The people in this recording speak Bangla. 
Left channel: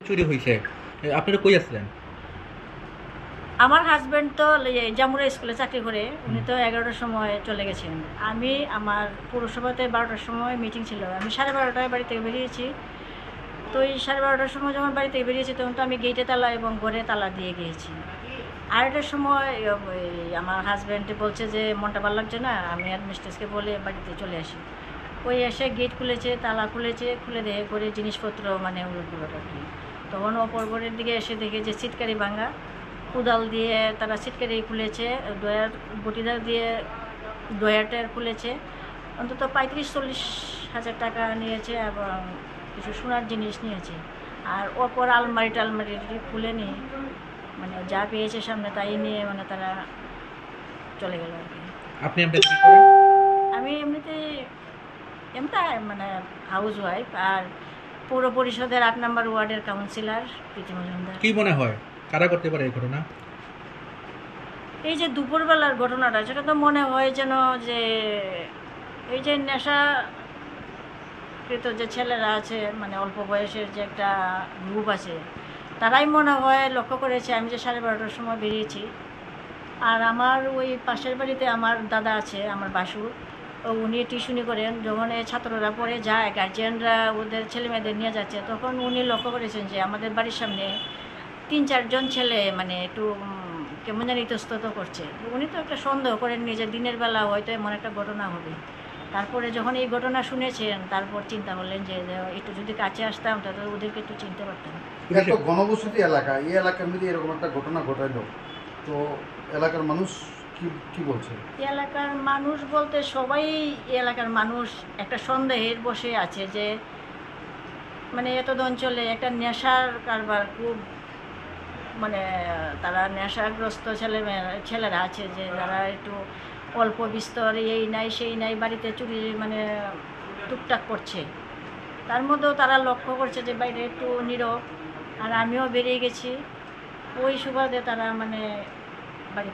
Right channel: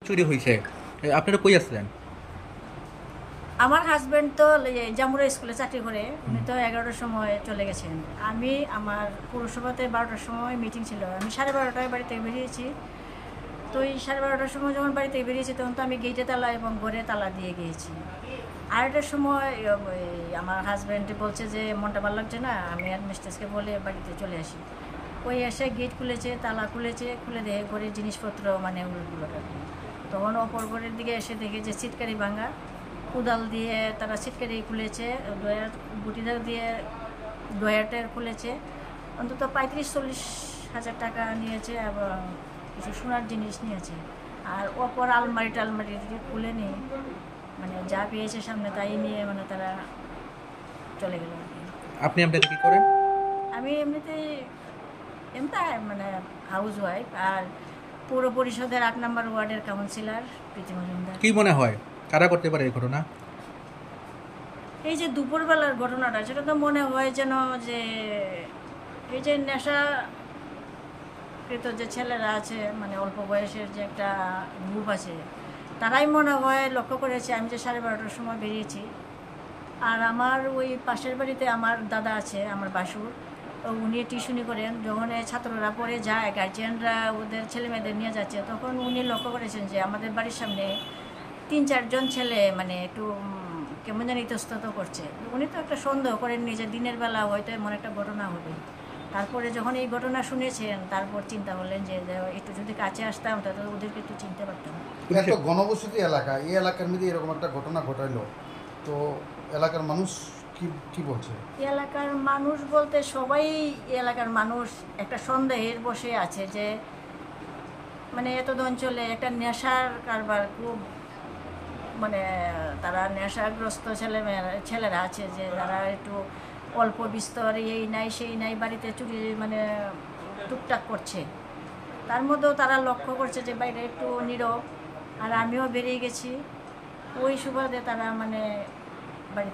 চুরি হয়েছে, আপনারা কই আসলেন? আমার হাজব্যান্ড তো জামুরা স্কুলে চাকরি করে, উনি তো 11টার সময় চলে গেছেন। আমি আমার পৌরসভাতে 12টার সময় মিটিং ছিল, আমি 12:30টায় বাড়ি থেকে বেরিয়েছি। তো এই 12:30টার সময় যখন বাড়ি থেকে বেরিয়েছি তখন তো আমি গেটে তালা এবং ঘরে তালা দিয়ে গিয়েছি। 2:30টার সময় আমার হাজব্যান্ড বলছে যে মনটা ভালো লাগছে না, আমি আর মিস্ট্রেসকে বলে বাড়িতে চলে আসি। ওই এসে গেট খুলেছে, তালা খুলেছে, খুলে দিয়ে ঘরের জিনিসপত্র মানে উলটগুলো আর কি। তখন অপর ঘরের দিকে এসে দেখে যে ছিটকারি ভাঙা, কোদাল দিয়ে তারা ছিটকারি খুলেছে, ডয়ার বটিদার দিয়ে ডয়ারটার খুলেছে। অন্তত 35-40 হাজার টাকা নিয়েছে এবং কিছু সোনার জিনিস নিয়েছে। আর অপর আলমারি টালমারি খুলে নিয়ে মানে যা পেয়েছে সামনে তাই নিয়ে মানে তারা চলে গেল আর কি। আপনি আপনাদের কি করেন? আমি এমনিতে এমনি মানে হাউস ওয়াইফ, আর পৌর পরিষদের 8 নম্বর ওয়ার্ডের কাউন্সিলর প্রীতি মজুমদার। কি মনে হয় কারা করতে পারে এই ঘটনা? এই যে দুপুরবেলার ঘটনাটা, সেটা তো মনে হয় যেন যে এই যে নেশাকৃত যে ছেলেরা আছে, মানে অল্প বয়সের যে একটা গ্রুপ আছে, তারাই মনে হয় লক্ষ্য করেছে। আমি যে 12:30টার সময় বেরিয়েছি, আর আমার ওই পাশের বাড়িতে আমার দাদা আছে, আমার বাসুর, উনি টিউশনি করেন। যখন এই ছাত্ররা পড়ে যায়, গার্জিয়ানরা ওদের ছেলে মেয়েদের নিয়ে যাচ্ছে, তখন উনি লক্ষ্য করেছেন যে আমাদের বাড়ির সামনে 3-4 জন ছেলে মানে একটু কেমন জানি ইতস্তত করছে। উনি তো একটা সন্দেহ করেননি যে দিনের বেলা হয়তো এমন একটা ঘটনা হবে। তারপরে যখন এই ঘটনা শুনেছেন, তারপর চিন্তা করলেন যে একটু যদি কাছে আসতাম তাহলে ওদেরকে একটু চিনতে পারতাম। এত ঘনবসতি এলাকা, এই এলাকার মধ্যে এরকম একটা ঘটনা ঘটাইলো, তো এলাকার মানুষ কি কি বলছে? এই এলাকার মানুষ বলতে সবাই, এই এলাকার মানুষ একটা সন্দেহের বসে আছে যে মানে এত অঞ্চলে একটা নেশার কারবার খুব, মানে তারা নেশাগ্রস্ত ছেলেরা আছে যে যারা একটু অল্প বিস্তর এই নাই সেই নাই বাড়িতে চুরি মানে টুকটাক করছে। তার মধ্যেও তারা লক্ষ্য করছে যে বাইরে একটু নীরব, আর আমিও বেরিয়ে গেছি। ওই সুবাদে তারা মানে